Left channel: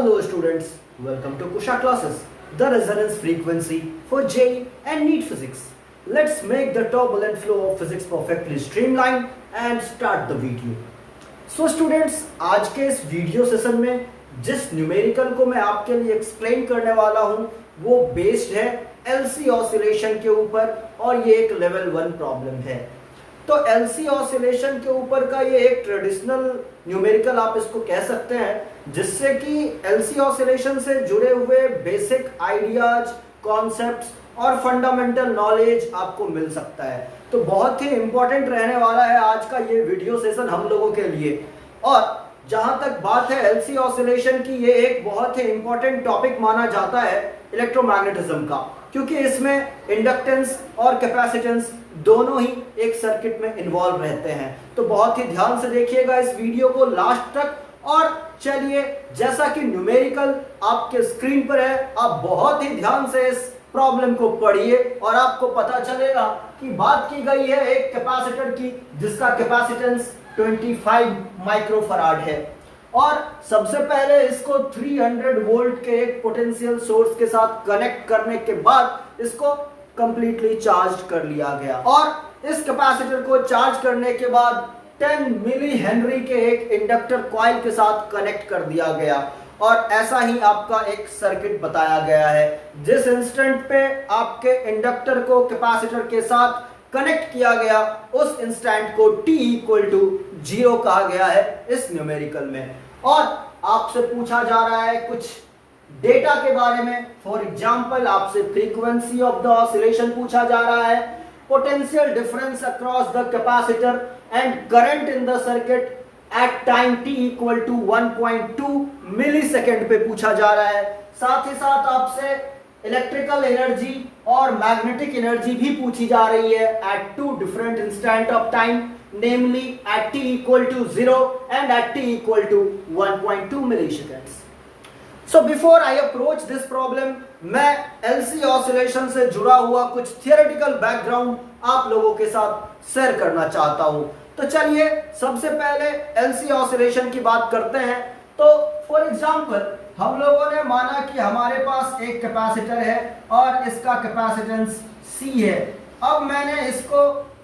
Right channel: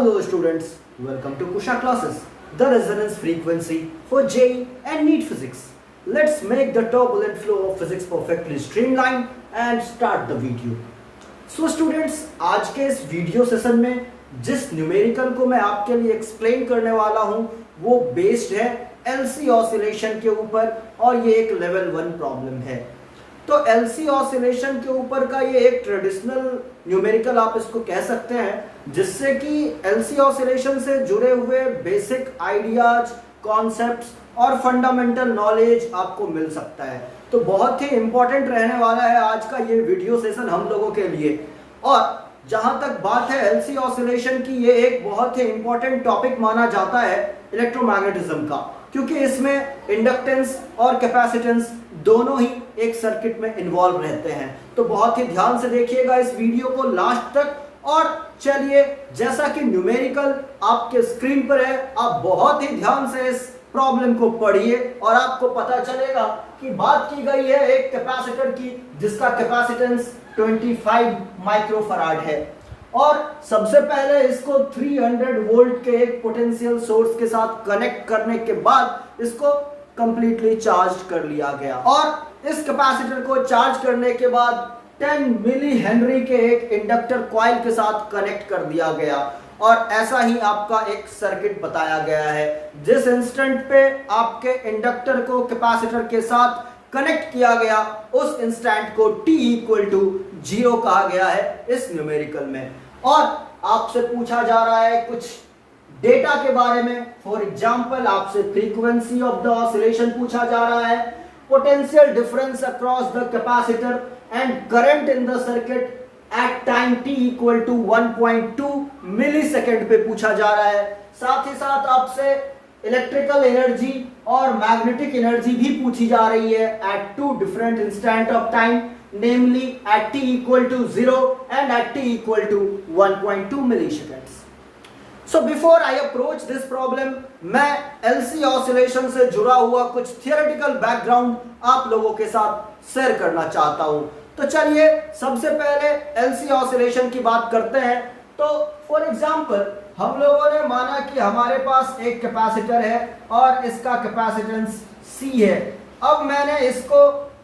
Hello students, welcome to Kusha classes, the resonance frequency for JEE and NEET physics. Let's make the turbulent flow of physics perfectly streamlined and start the video. So students, आज के इस video session में जिस numerical को मैं आपके लिए explain करने वाला हूं वो बेस्ड है LC ऑसिलेशन के ऊपर और ये एक लेवल 1 प्रॉब्लम है। तो LC ऑसिलेशन के ऊपर का ये एक ट्रेडिशनल न्यूमेरिकल आप इसको कह सकते हैं, जिससे कि LC ऑसिलेशन से जुड़े हुए बेसिक आइडियाज, कॉन्सेप्ट्स और फंडामेंटल नॉलेज आपको मिल सकता है। तो बहुत ही इंपॉर्टेंट रहने वाला है आज का ये वीडियो सेशन हम लोगों के लिए। और जहां तक बात है LC ऑसिलेशन की, ये एक बहुत ही इंपॉर्टेंट टॉपिक माना जाता है इलेक्ट्रोमैग्नेटिज्म का, क्योंकि इसमें इंडक्टेंस और कैपेसिटेंस दोनों ही एक सर्किट में इन्वॉल्व रहते हैं। तो बहुत ही ध्यान से देखिएगा इस वीडियो को लास्ट तक। और चलिए, जैसा कि न्यूमेरिकल आपके स्क्रीन पर है, आप बहुत ही ध्यान से इस प्रॉब्लम को पढ़िए और आपको पता चलेगा कि बात की गई है एक कैपेसिटर की जिसका कैपेसिटेंस 25 माइक्रोफराड है। और सबसे पहले इसको 300 वोल्ट के एक पोटेंशियल सोर्स के साथ कनेक्ट करने के बाद इसको कंप्लीटली चार्ज कर लिया गया। और इस कैपेसिटर को चार्ज करने के बाद 10 मिली हेनरी के एक इंडक्टर कॉइल के साथ कनेक्ट कर दिया गया। और ऐसा ही आपका एक सर्किट बताया गया है। जिस इंस्टेंट पे आपके इंडक्टर को कैपेसिटर के साथ कनेक्ट किया गया, उस इंस्टेंट को t = 0 कहा गया है इस न्यूमेरिकल में। और आपसे पूछा जा रहा है कुछ डेटा के बारे में। फॉर एग्जांपल, आपसे फ्रीक्वेंसी ऑफ द ऑसिलेशन पूछा जा रहा है, potential difference across the capacitor and current in the circuit at time t = 1.2 millisecond पे पूछा जा रहा है। साथ ही साथ आपसे इलेक्ट्रिकल एनर्जी और मैग्नेटिक एनर्जी भी पूछी जा रही है at 2 different instant of time, namely at t = 0 and at t = 1.2 milliseconds. So before I approach this problem, मैं LC ऑसिलेशन से जुड़ा हुआ कुछ थियोरेटिकल बैकग्राउंड आप लोगों के साथ शेयर करना चाहता हूं। तो चलिए, सबसे पहले LC ऑसिलेशन की बात करते हैं। तो फॉर एग्जांपल, हम लोगों ने माना कि हमारे पास एक कैपेसिटर है और इसका कैपेसिटेंस C है। अब मैंने इसको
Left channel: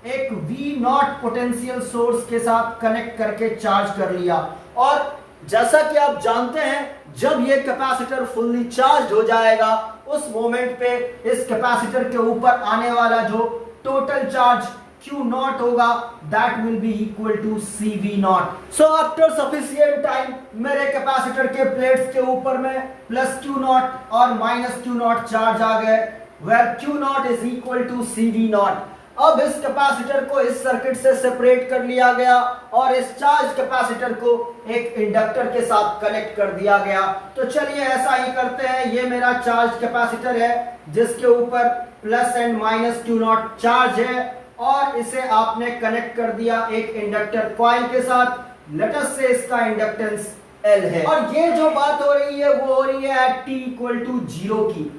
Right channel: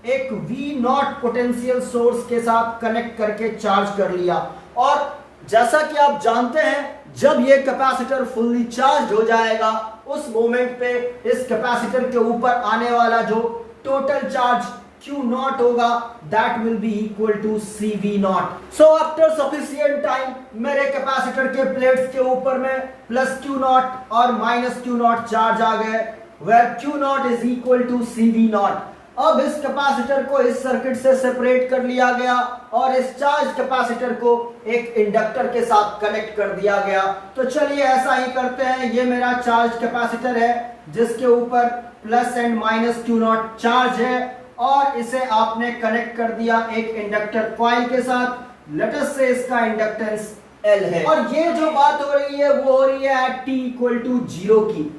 एक V0 पोटेंशियल सोर्स के साथ कनेक्ट करके चार्ज कर लिया। और जैसा कि आप जानते हैं, जब ये कैपेसिटर फुल्ली चार्ज हो जाएगा, उस मोमेंट पे इस कैपेसिटर के ऊपर आने वाला जो टोटल चार्ज Q0 होगा, that will be equal to CV0. So after sufficient time, मेरे कैपेसिटर के प्लेट्स के ऊपर में प्लस Q0 और माइनस Q0 चार्ज आ गए, where Q0 is equal to CV0. अब इस कैपेसिटर को इस सर्किट से सेपरेट कर लिया गया और इस चार्ज कैपेसिटर को एक इंडक्टर के साथ कनेक्ट कर दिया गया। तो चलिए ऐसा ही करते हैं। ये मेरा चार्ज कैपेसिटर है जिसके ऊपर plus and minus Q0 charge है और इसे आपने कनेक्ट कर दिया एक इंडक्टर कॉइल के साथ। लेट अस से इसका इंडक्टेंस L है। और ये जो बात हो रही है वो हो रही है एट t = 0 की।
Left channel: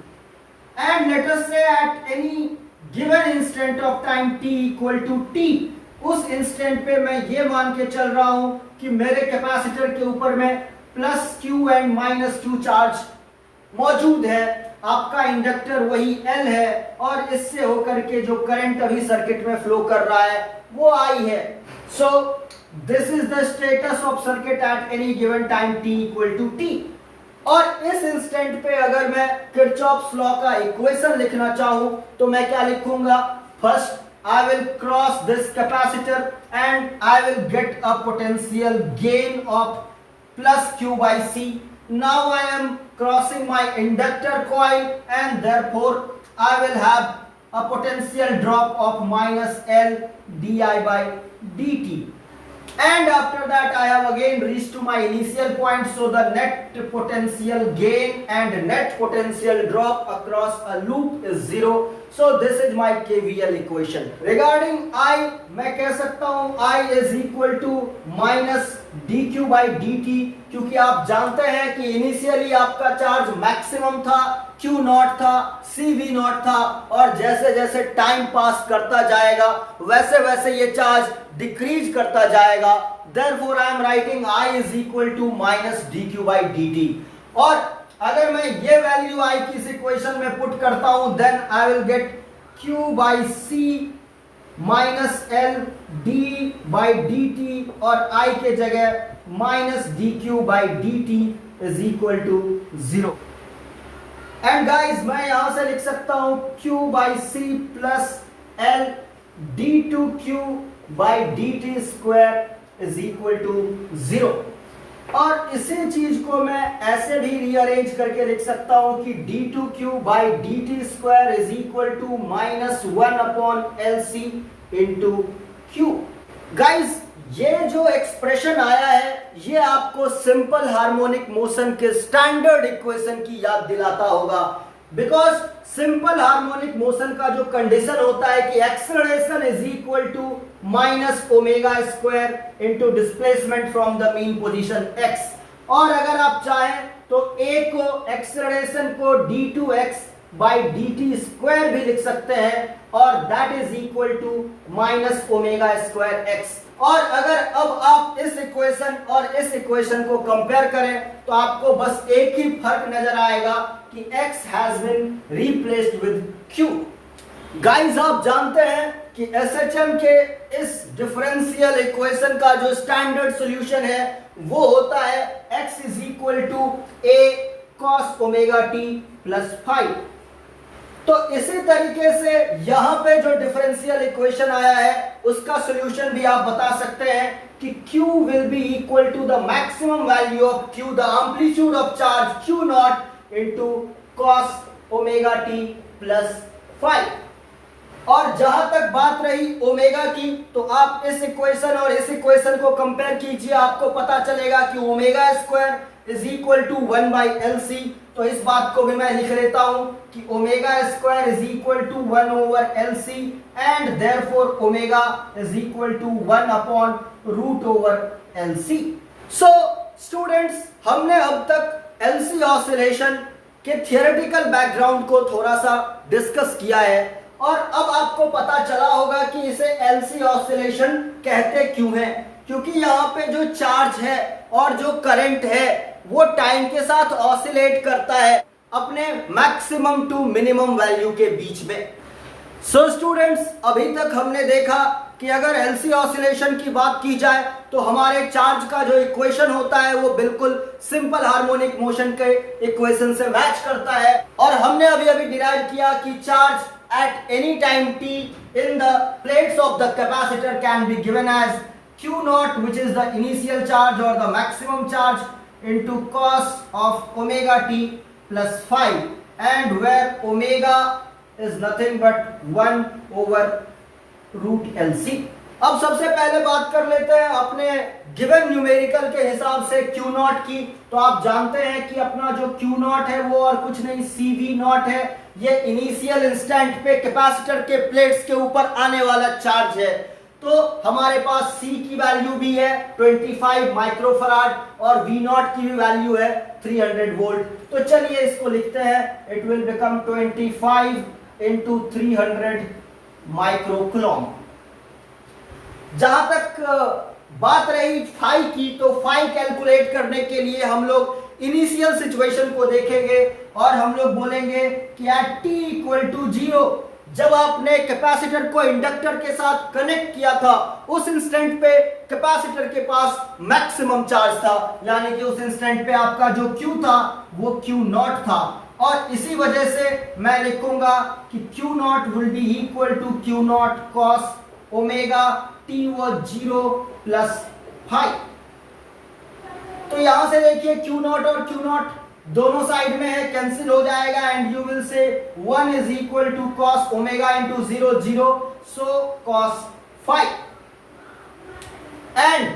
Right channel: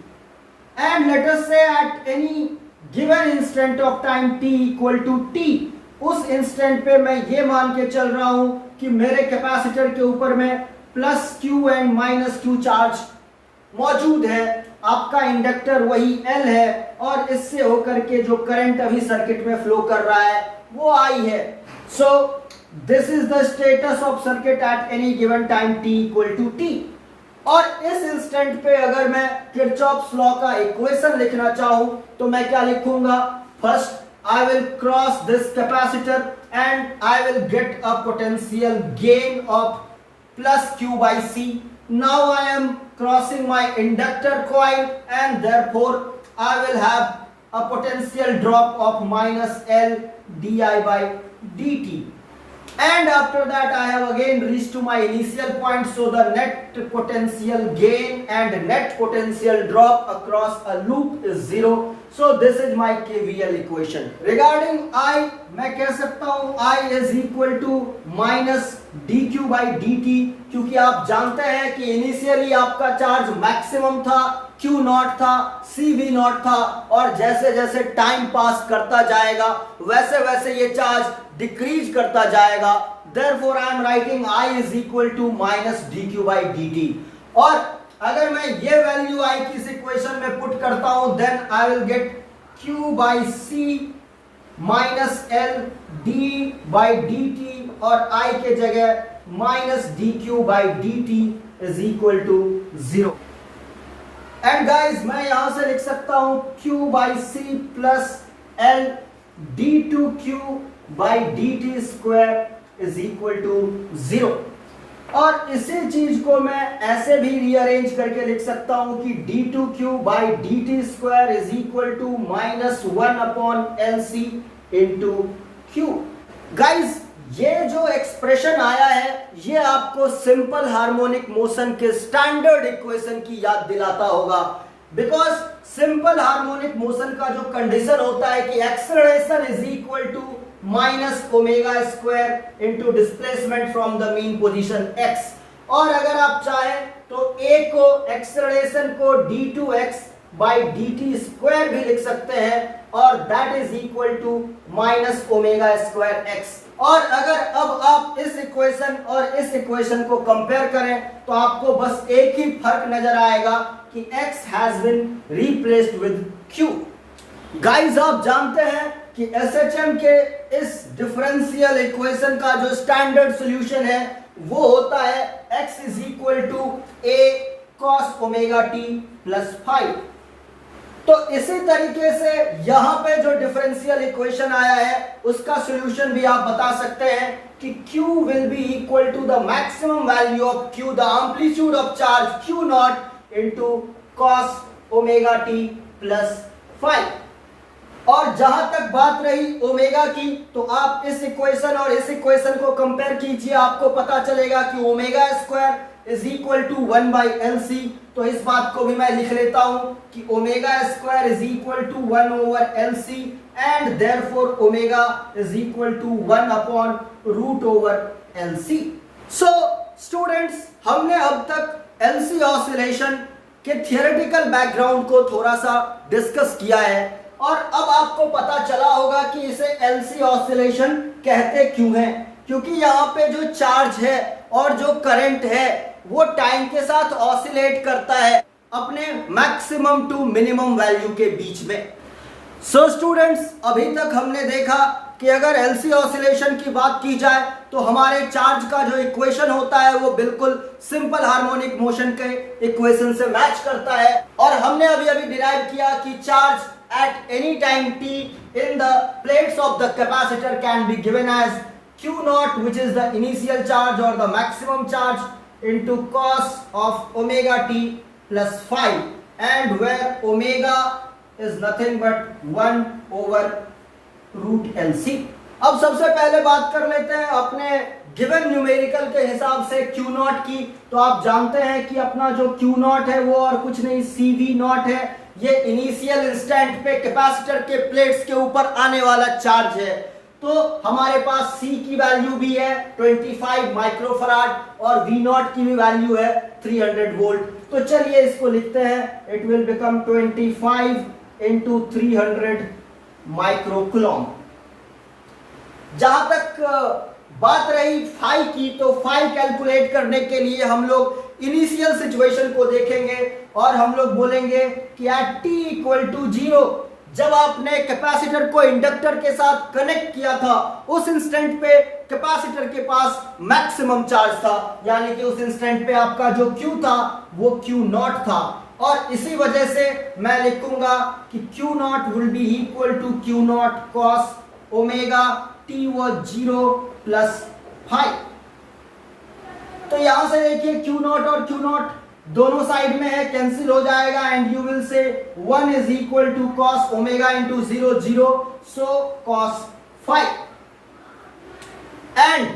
एंड लेट अस से at any given instant of time t = t, उस इंस्टेंट पे मैं ये मान के चल रहा हूं कि मेरे कैपेसिटर के ऊपर में plus Q and minus Q charge मौजूद है। आपका इंडक्टर वही L है और इससे होकर के जो करंट अभी सर्किट में फ्लो कर रहा है वो I है। So this is the status of circuit at any given time t = t। और इस इंस्टेंट पे अगर मैं किरचॉफ्स लॉ का इक्वेशन लिखना चाहूं तो मैं क्या लिखूंगा? First, I will cross this capacitor and I will get a potential gain of plus Q/C. Now I am crossing my inductor coil and therefore I will have a potential drop of minus L di/dt. And after that I have again reached to my initial point. So the net potential gain and net potential drop across a loop is 0. So this is my KVL equation. Regarding I, मैं कह सकता हूं I is equal to minus dq/dt, क्योंकि आप जानते हैं कि initially आपका चार्ज मैक्सिमम था, Q0 था, CV0 था, और जैसे जैसे टाइम पास करता जाएगा वैसे वैसे ये चार्ज डिक्रीज करता जाएगा। Therefore I am writing I is equal to minus dq/dt. और अगर मैं ये वैल्यू आई की इस इक्वेशन में पुट करता हूं then I will get Q by C minus L d by d t और I के जगह minus d q by d t is equal to 0। And guys मैं यहां से लिख सकता हूं Q by C plus L d two q by d t square is equal to 0। और इसी चीज को मैं ऐसे भी रीअरेंज करके लिख सकता हूं कि d two q by d t square is equal to minus 1 upon L C into q. Guys ये जो एक्सप्रेशन आया है ये आपको सिंपल हार्मोनिक मोशन के स्टैंडर्ड इक्वेशन की याद दिलाता होगा, बिकॉज सिंपल हार्मोनिक मोशन का जो कंडीशन होता है कि acceleration is equal to minus omega square into displacement from the mean position x। और अगर आप चाहें तो a को एक्सेलरेशन को d2x by d t square भी लिख सकते हैं और that is equal to minus omega square x. और अगर अब आप इस इक्वेशन और इस इक्वेशन को कंपेयर करें तो आपको बस एक ही फर्क नजर आएगा कि x has been replaced with q। Guys आप जानते हैं कि SHM के इस डिफरेंशियल इक्वेशन का जो स्टैंडर्ड सॉल्यूशन है वो होता है x is equal to a cos omega t plus 5। तो इसी तरीके से यहां पे जो डिफरेंशियल इक्वेशन आया है उसका सॉल्यूशन भी आप बता सकते हैं कि Q will be equal to the maximum value of Q, the amplitude of charge Q naught into cos omega t plus 5। और जहां तक बात रही ओमेगा की तो आप इस इक्वेशन और इस इक्वेशन को कंपेयर कीजिए, आपको पता चलेगा कि omega square is equal to 1 by L C. तो इस बात को भी मैं लिख लेता हूं कि omega square is equal to 1 over L C and therefore omega is equal to 1 upon root over L C. So students हमने अब तक एलसी ऑसिलेशन के थियोरेटिकल बैकग्राउंड को थोड़ा सा डिस्कस किया है और अब आपको पता चला होगा कि इसे एलसी ऑसिलेशन कहते क्यों हैं। क्योंकि यहाँ पे जो चार्ज है और जो करंट है वो टाइम के साथ ऑसिलेट करता है अपने मैक्सिमम टू मिनिमम वैल्यू के बीच में। सो स्टूडेंट्स अभी तक हमने देखा कि अगर एलसी ऑसिलेशन की बात की जाए तो हमारे चार्ज का जो इक्वेशन होता है वो बिल्कुल सिंपल हार्मोनिक मोशन के इक्वेशन से मैच करता है। और हमने अभी अभी डिराइव किया कि charge at any time t in the plates of the capacitor can be given as Q naught, which is the initial charge or the maximum charge, into cos of omega t plus 5, and where omega is nothing but 1 over root LC। अब सबसे पहले बात कर लेते हैं अपने given numerical के हिसाब से Q नॉट की। तो आप जानते हैं कि अपना जो Q नॉट है वो और कुछ नहीं CV नॉट है। ये इनिशियल इंस्टेंट पे कैपेसिटर के प्लेट्स के ऊपर आने वाला चार्ज है। तो हमारे पास C की वैल्यू भी है 25 माइक्रोफराड और V नॉट की भी वैल्यू है 300 वोल्ट। तो चलिए इसको लिखते हैं, it will become 25 into 300 microcoulomb. जहां तक बात रही फाई की तो फाई कैलकुलेट करने के लिए हम लोग इनिशियल सिचुएशन को देखेंगे और हम लोग बोलेंगे कि एट t इक्वल टू 0 जब आपने कैपेसिटर को इंडक्टर के साथ कनेक्ट किया था उस इंस्टेंट पे कैपेसिटर के पास मैक्सिमम चार्ज था, यानी कि उस इंस्टेंट पे आपका जो Q था वो Q नॉट था। और इसी वजह से मैं लिखूंगा कि Q not will be equal to Q not cos omega t वो 0 प्लस 5। तो यहां से देखिए Q नॉट और Q नॉट दोनों साइड में है, कैंसिल हो जाएगा and you will say 1 is equal to cos omega into 0 0, so cos 5 and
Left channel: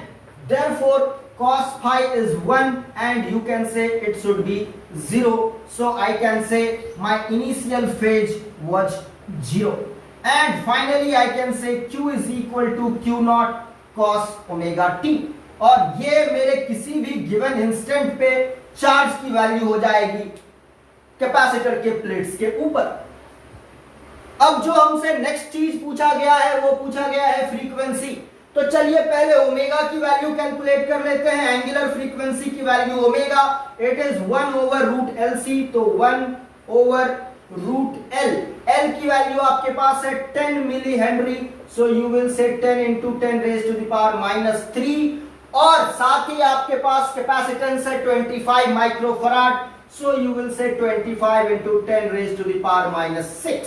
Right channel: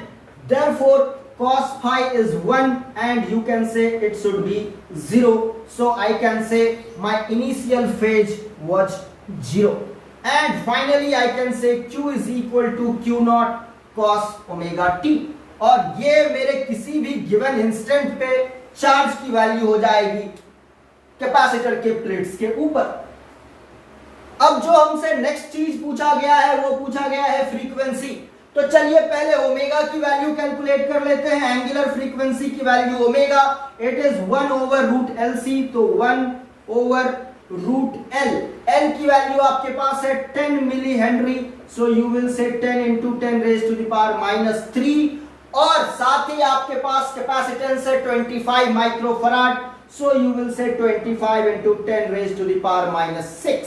therefore cos phi is 1 and you can say it should be 0, so I can say my initial phase was 0 and finally I can say Q is equal to Q naught cos omega t और ये मेरे किसी भी given instant पे charge की value हो जाएगी capacitor के प्लेट्स के ऊपर। अब जो हमसे नेक्स्ट चीज पूछा गया है वो पूछा गया है फ्रीक्वेंसी। तो चलिए पहले ओमेगा की वैल्यू कैलकुलेट कर लेते हैं। एंगुलर फ्रीक्वेंसी की value omega, it is 1/√LC, तो 1/√L। L की वैल्यू आपके पास है 10 millihenry, so you will say 10 × 10⁻³ और साथ ही आपके पास कैपेसिटेंस है 25 माइक्रोफराड, सो यू विल से 25 × 10⁻⁻6।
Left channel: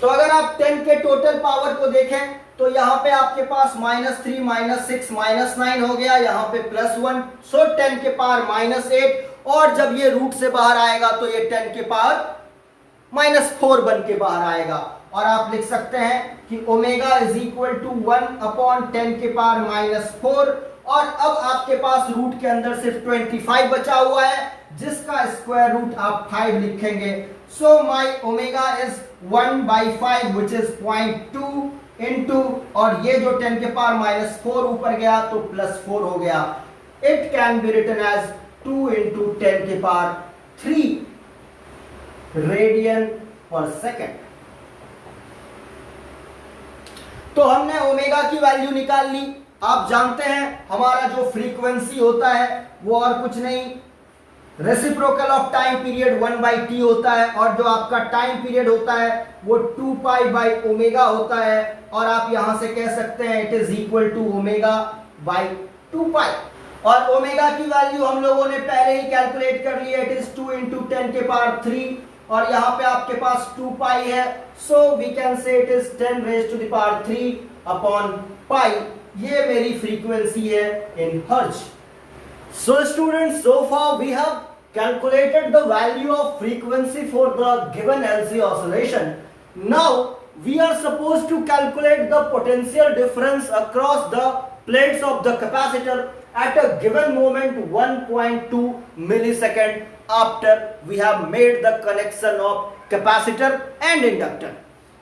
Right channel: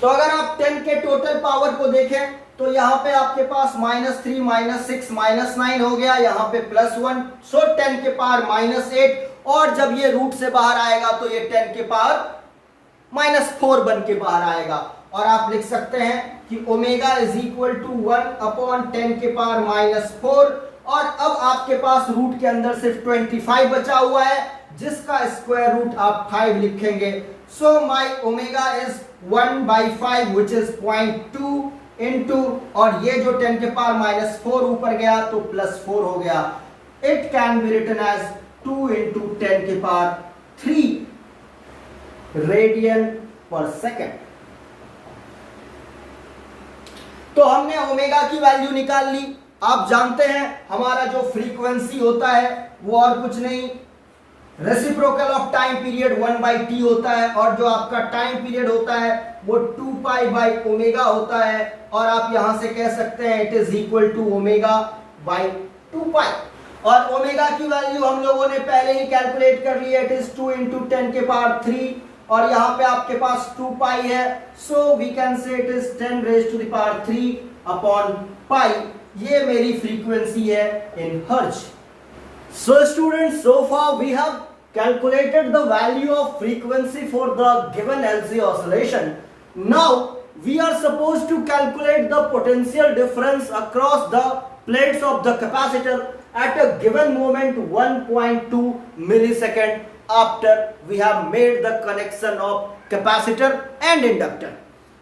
तो अगर आप 10 के टोटल पावर को देखें तो यहां पे आपके पास -3 -6 -9 हो गया, यहां पे +1, सो 10 के पावर -8, और जब ये रूट से बाहर आएगा तो ये 10 के पावर -4 बन के बाहर आएगा। और आप लिख सकते हैं कि ओमेगा इज इक्वल टू 1/10 के पावर -4, और अब आपके पास रूट के अंदर सिर्फ 25 बचा हुआ है, जिसका स्क्वायर रूट आप 5 लिखेंगे। So my omega is 1/5 which is 0.2 into, और ये जो 10 के पावर -4 ऊपर गया तो +4 हो गया। It can be written as 2 × 10 के पावर 3 रेडियन पर सेकेंड। तो हमने ओमेगा की वैल्यू निकाल ली। आप जानते हैं हमारा जो फ्रीक्वेंसी होता है वो और कुछ नहीं, reciprocal of time period 1/t होता है, और जो आपका टाइम पीरियड होता है वो 2π/ओमेगा होता है, और आप यहां से कह सकते हैं इट इज इक्वल टू ω/2π। और ओमेगा की वैल्यू हम लोगों ने पहले ही कैलकुलेट कर लिया, इट इज 2 × 10 के पावर 3, और यहां पे आपके पास 2π है, so we can say it is 10⁻³ ये मेरी फ्रीक्वेंसी है in hertz. So students, so far we have calculated the value of frequency for the given LC oscillation. Now we are supposed to calculate the potential difference across the plates of the capacitor at a given moment 1.2 millisecond after we have made the connection of capacitor and inductor.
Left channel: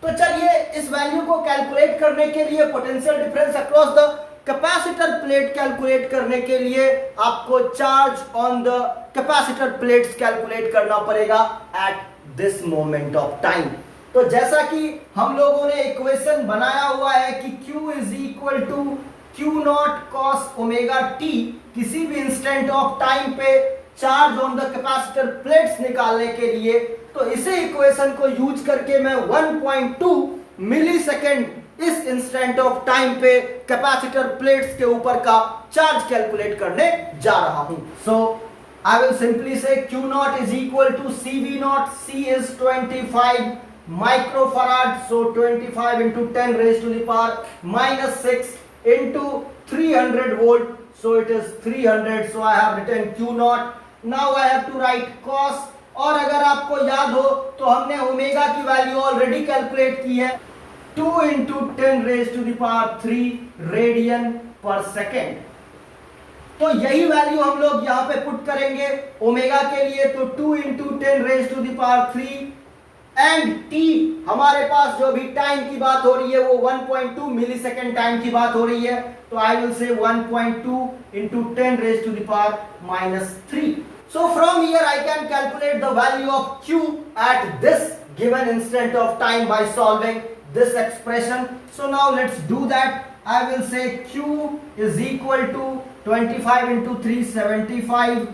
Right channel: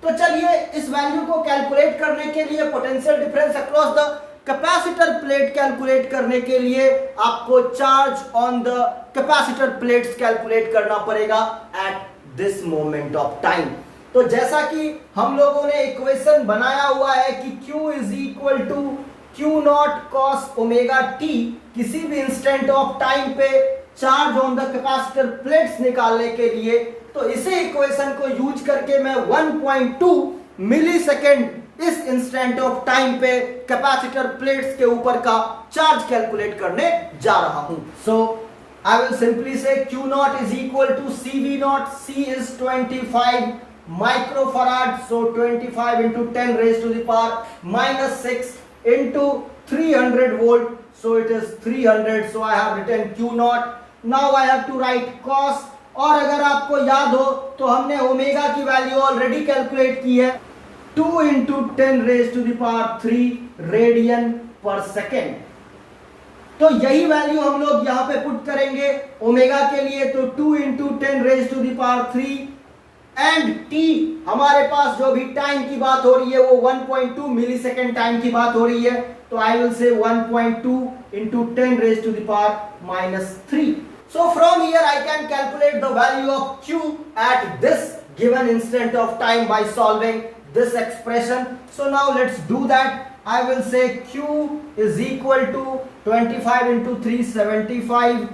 तो चलिए इस value को calculate करने के लिए, potential difference across the capacitor plate calculate करने के लिए आपको charge on the capacitor plates calculate करना पड़ेगा at this moment of time. तो जैसा कि हम लोगों ने इक्वेशन बनाया हुआ है कि Q is equal to Q0 cos omega t, किसी भी इंस्टेंट ऑफ टाइम पे charge on the capacitor plates निकालने के लिए, तो इसे इक्वेशन को यूज करके मैं 1.2 मिलीसेकेंड इस इंस्टेंट ऑफ टाइम पे कैपेसिटर प्लेट्स के ऊपर का चार्ज कैलकुलेट करने जा रहा हूं। सो I will simply say Q0 is equal to CV0, C is 25 microfarad, so 25 × 10⁻⁻6 into 300 volt, so it is 300, so I have written Q0. Now I have to write cos, और अगर आपको याद हो तो हमने ओमेगा की वैल्यू ऑलरेडी कैलकुलेट की है 2 × 10⁻³ रेडियन पर सेकेंड। तो यही वैल्यू हम लोग यहां पे पुट करेंगे ओमेगा के लिए, तो 2 × 10⁻³ एंड t हमारे पास जो भी टाइम की बात हो रही है वो 1.2 मिलीसेकेंड टाइम की बात हो रही है, तो आई विल से 1.2 × 10⁻³ So from here I can calculate the value of Q at this given instant of time by solving this expression. So now let's do that. I will say Q is equal to 25 × 375,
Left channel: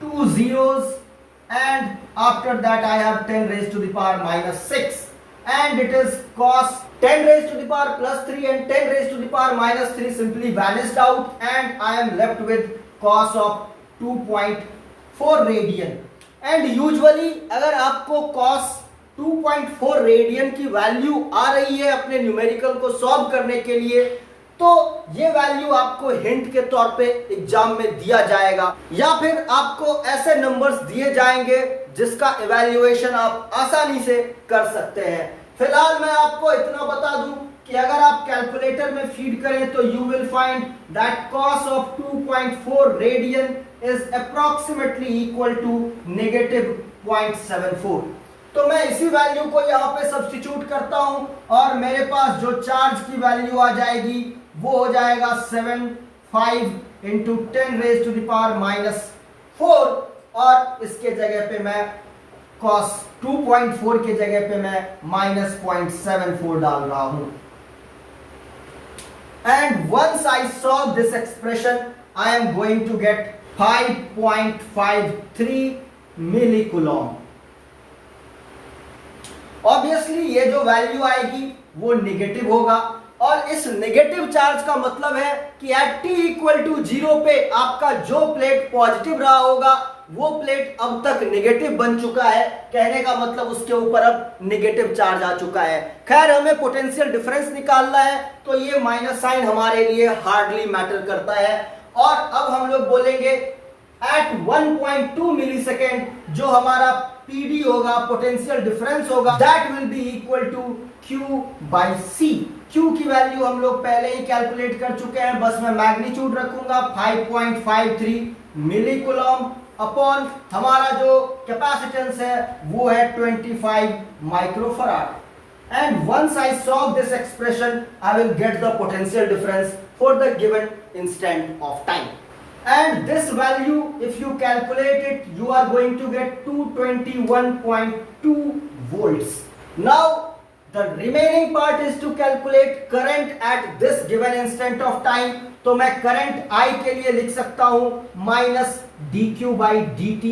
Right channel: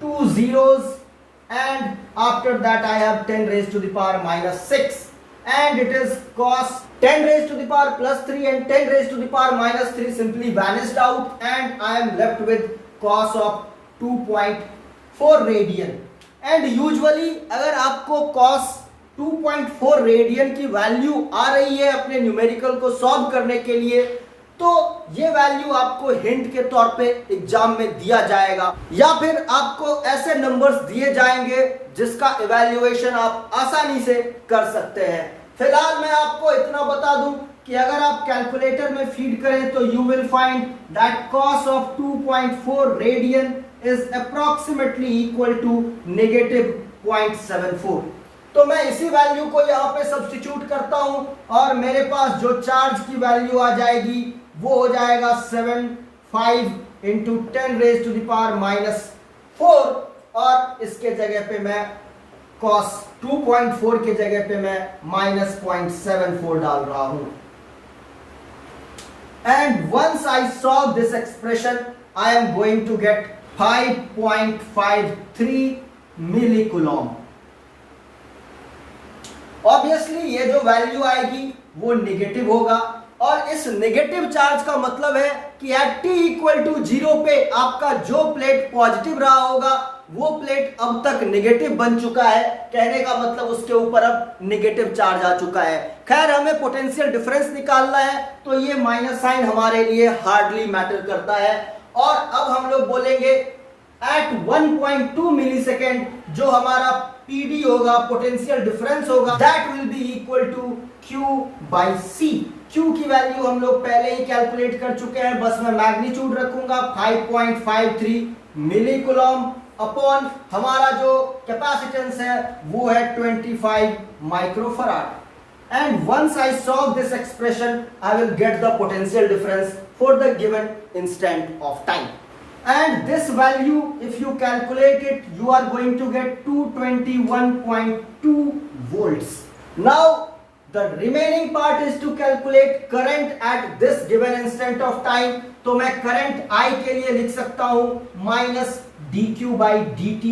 2 zeros, and after that I have 10⁻⁻6, and it is cos 10⁻+3 and 10⁻⁻3 simply vanished out, and I am left with cos of 2.4 radian. And usually अगर आपको cos 2.4 radian की value आ रही है अपने numerical को solve करने के लिए, तो ये वैल्यू आपको हिंट के तौर पे एग्जाम में दिया जाएगा, या फिर आपको ऐसे नंबर्स दिए जाएंगे जिसका इवैल्यूएशन आप आसानी से कर सकते हैं। फिलहाल मैं आपको इतना बता दूं कि अगर आप कैलकुलेटर में फीड करें तो you will find that cos of 2.4 radian is approximately equal to -0.74। तो मैं इसी वैल्यू को यहाँ पे सब्स्टिट्यूट करता हूं, और मेरे पास जो चार्ज की वैल्यू आ जाएगी वो हो जाएगा 75 × 10⁻⁻4, और इसके जगह पे मैं cos 2.4 के जगह पे मैं -0.74 डाल रहा हूं। and once I solve this expression I am going to get 5.53 millicoulomb. Obviously ये जो वैल्यू आएगी वो निगेटिव होगा, और इस नेगेटिव चार्ज का मतलब है कि एट t इक्वल टू 0 पे आपका जो प्लेट पॉजिटिव रहा होगा वो प्लेट अब तक नेगेटिव बन चुका है। कहने का मतलब उसके ऊपर अब नेगेटिव चार्ज आ चुका है। खैर हमें पोटेंशियल डिफरेंस निकालना है तो ये माइनस साइन हमारे लिए हार्डली मैटर करता है। और अब हम लोग बोलेंगे एट 1.2 मिलीसेकेंड जो हमारा पीडी होगा, पोटेंशियल डिफरेंस होगा, that will be equal to Q by C। Q की वैल्यू हम लोग पहले ही कैलकुलेट कर चुके हैं, बस मैं मैग्नीट्यूड रखूंगा 5.53 मिलीकूलम अपॉन हमारा जो कैपेसिटेंस है वो है 25 microfarad. And once I solve this expression, I will get the potential difference for the given instant of time. And this value, if you calculate it, you are going to get 221.2 volts. Now, the remaining part is to calculate current at this given instant of time. तो मैं current I के लिए लिख सकता हूं minus dq by dt।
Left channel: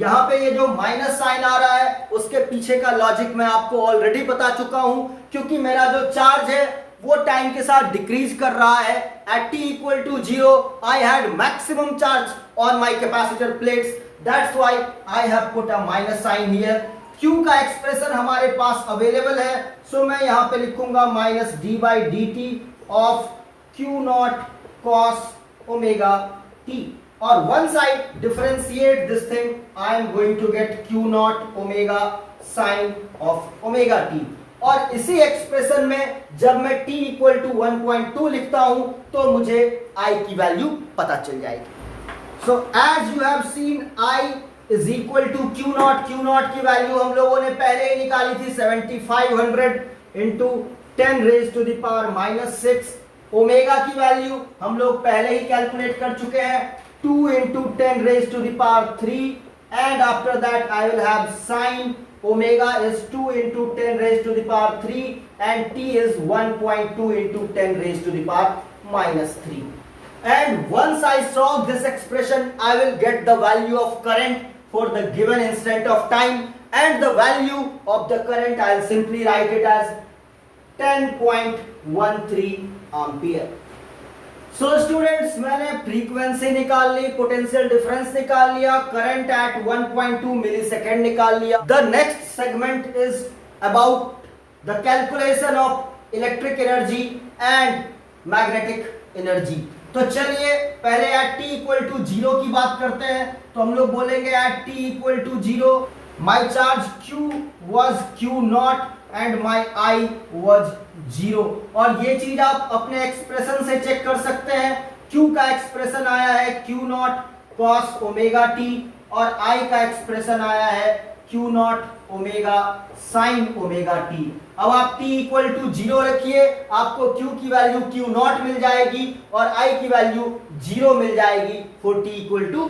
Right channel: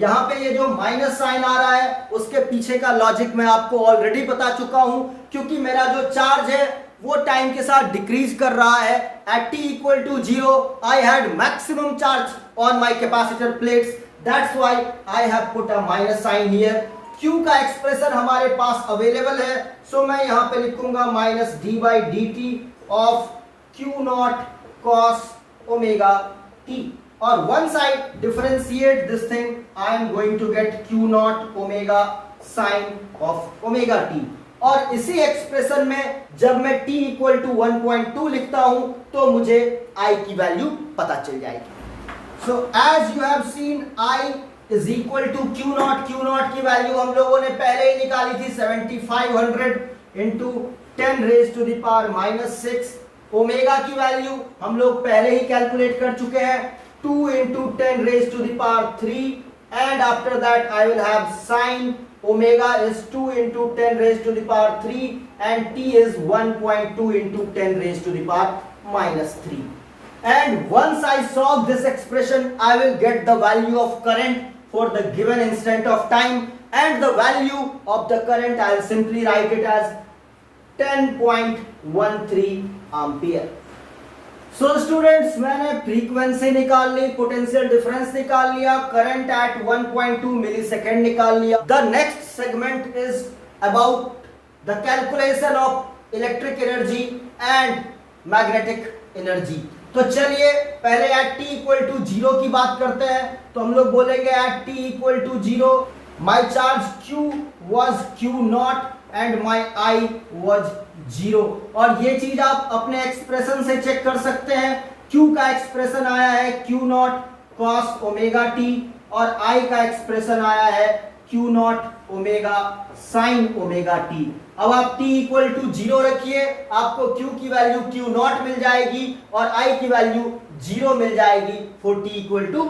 यहां पे ये जो माइनस साइन आ रहा है उसके पीछे का लॉजिक मैं आपको ऑलरेडी बता चुका हूं, क्योंकि मेरा जो चार्ज है वो टाइम के साथ डिक्रीज कर रहा है। At t equal to 0 I had maximum charge on my capacitor plates, that's why I have put a minus sign here. Q का एक्सप्रेशन हमारे पास अवेलेबल है, सो मैं यहां पे लिखूंगा minus d by d t of Q not cos omega t, और once I differentiate this thing I am going to get Q naught omega sin of omega t। और इसी एक्सप्रेशन में जब मैं t इक्वल टू 1.2 लिखता हूं तो मुझे I की वैल्यू पता चल जाएगी। So as you have seen I is equal to Q not. Q not की वैल्यू हम लोगों ने पहले ही निकाली थी 7500 into 10 raise to the power minus 6। Omega की वैल्यू हम लोग पहले ही कैलकुलेट कर चुके हैं 2 into 10 raised to the power 3, and after that I will have sine omega is 2 into 10 raised to the power 3 and t is 1.2 into 10 raised to the power minus 3. And once I solve this expression I will get the value of current for the given instant of time, and the value of the current I will simply write it as 10.13 ampere. So students मैंने frequency निकाल ली, potential difference निकाल लिया, current eight 1.2 millisecond निकाल लिया। The next segment is about the calculation of electric energy and magnetic energy. तो चलिए पहले eight t equal to 0 की बात करते हैं। तो हम लोग बोलेंगे at t equal to 0 my charge Q was Q not and my I was 0। और ये चीज आप अपने एक्सप्रेशन से चेक कर सकते हैं। Q का एक्सप्रेशन आया है Q not cos omega t, और I का एक्सप्रेशन आया है Q not omega sine omega t। अब आप t इक्वल टू 0 रखिए, आपको Q की वैल्यू Q नॉट मिल जाएगी और I की वैल्यू 0 मिल जाएगी फॉर t इक्वल टू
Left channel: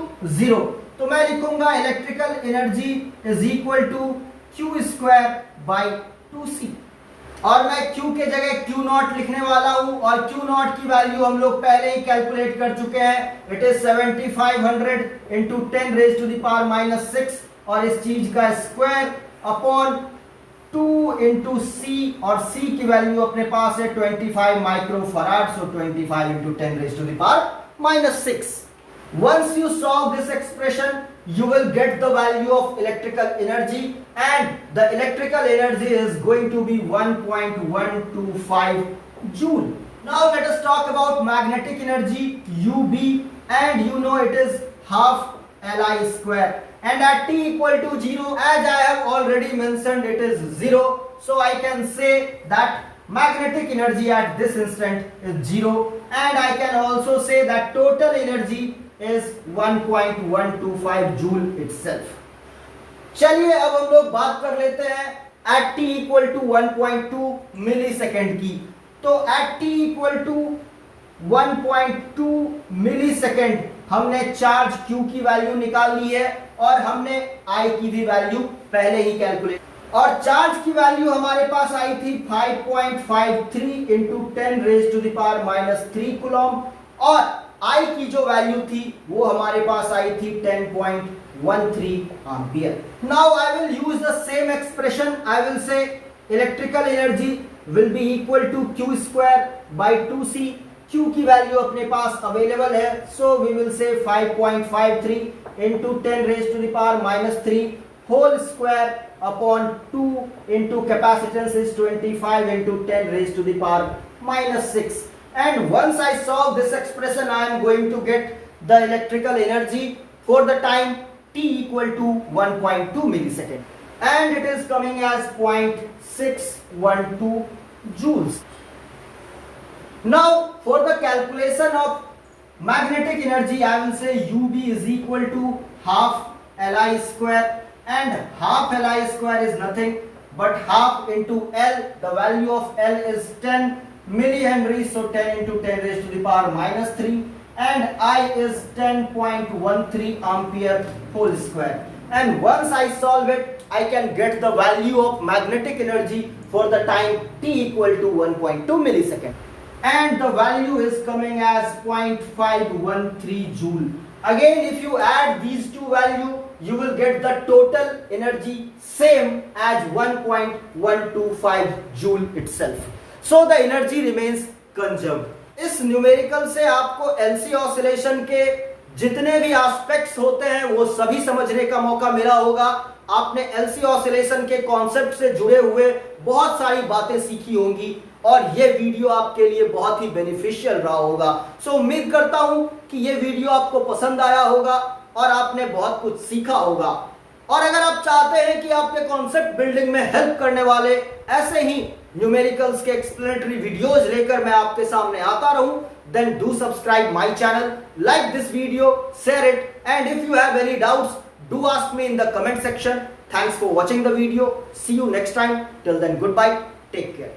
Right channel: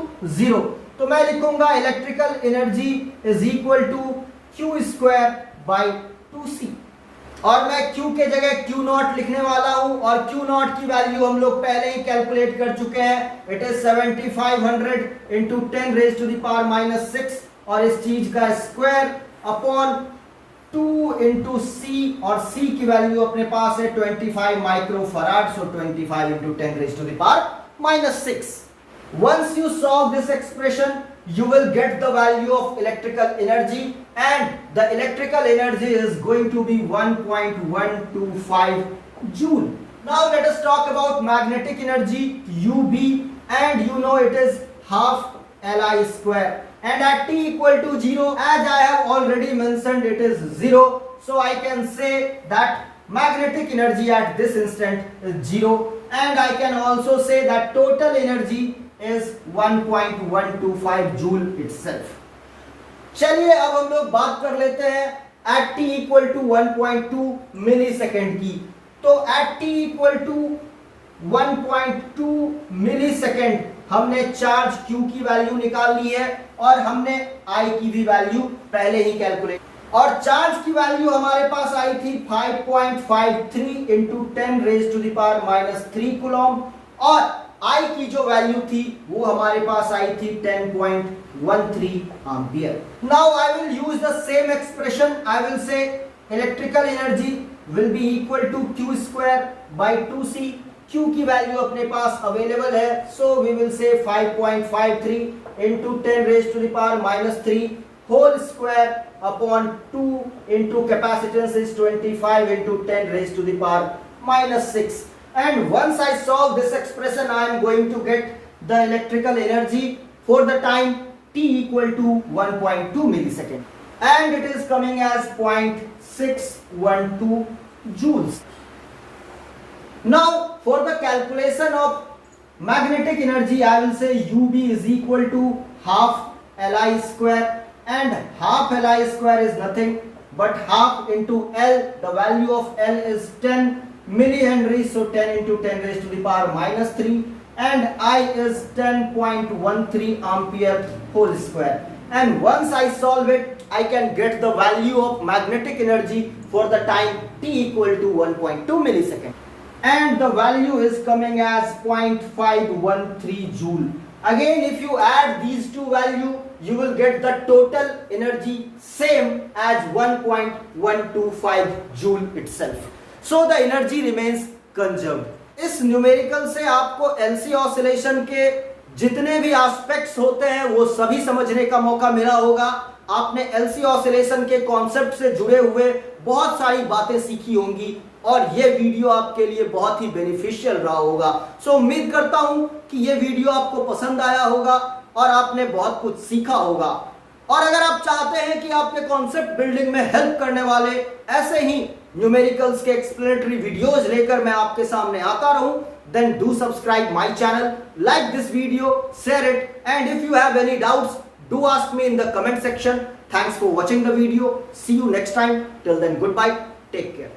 0। तो मैं लिखूंगा electrical energy is equal to Q square by 2c, और मैं Q के जगह Q नॉट लिखने वाला हूं, और Q नॉट की वैल्यू हम लोग पहले ही कैलकुलेट कर चुके हैं। It is 7500 into 10 raise to the power minus 6, और इस चीज का स्क्वायर अपॉन 2 इंटू c, और c की वैल्यू अपने पास है 25 microfarad, so 25 into 10 raise to the power minus 6। Once you solve this expression, you will get the value of electrical energy, and the electrical energy is going to be 1.125 joule. Now let us talk about magnetic energy UB, and you know it is half Li square. And at t equal to 0, as I have already mentioned, it is 0. So I can say that magnetic energy at this instant is 0, and I can also say that total energy is 1.125 joule itself. चलिए अब हम लोग बात कर लेते हैं at t equal to 1.2 millisecond की। तो at t equal to 1.2 millisecond हमने चार्ज Q की वैल्यू निकाल ली है, और हमने I की भी वैल्यू पहले ही कैलकुलेट। और चार्ज की वैल्यू हमारे पास आई थी 5.53 इंटू 10⁻³ कूलम, और आई की जो वैल्यू थी वो हमारे पास आई थी 10.13 ampere. Now I will use the same expression. I will say electrical energy will be equal to Q square by 2C. Q की वैल्यू अपने पास अवेलेबल है, so we will say 5.53 into 10⁻³ whole square upon 2 into capacitance is 25 into 10⁻⁻6. And once I solve this expression, I am going to get the electrical energy for the time t equal to 1.2 millisecond, and it is coming as 0.612 joules. Now for the calculation of magnetic energy, I will say UB is equal to half Li square, and half Li square is nothing but half into L. The value of L is 10 millihenry, so 10 into 10⁻³ and I is 10.13 ampere whole square. And once I solve it, I can get the value of magnetic energy for the time t equal to 1.2 millisecond, and the value is coming as 0.513 joule. Again, if you add these two values, you will get the total energy same as 1.125 joule itself. So the energy remains conserved. इस numerical से आपको LC oscillation के जितने भी aspects होते हैं वो सभी समझने का मौका मिला होगा. आपने LC ऑसिलेशन के कॉन्सेप्ट से जुड़े हुए बहुत सारी बातें सीखी होंगी, और ये वीडियो आपके लिए बहुत ही बेनिफिशियल रहा होगा. सो उम्मीद करता हूं कि ये वीडियो आपको पसंद आया होगा और आपने बहुत कुछ सीखा होगा. और अगर आप चाहते हैं कि आपके कॉन्सेप्ट बिल्डिंग में हेल्प करने वाले ऐसे ही न्यूमेरिकल्स के एक्सप्लेनेटरी वीडियोस लेकर मैं आपके सामने आता रहूं, then do subscribe my channel, like this video, share it, and if you have any doubts, do ask me in the comment section. Thanks for watching the video. See you next time. Till then, goodbye. Take care.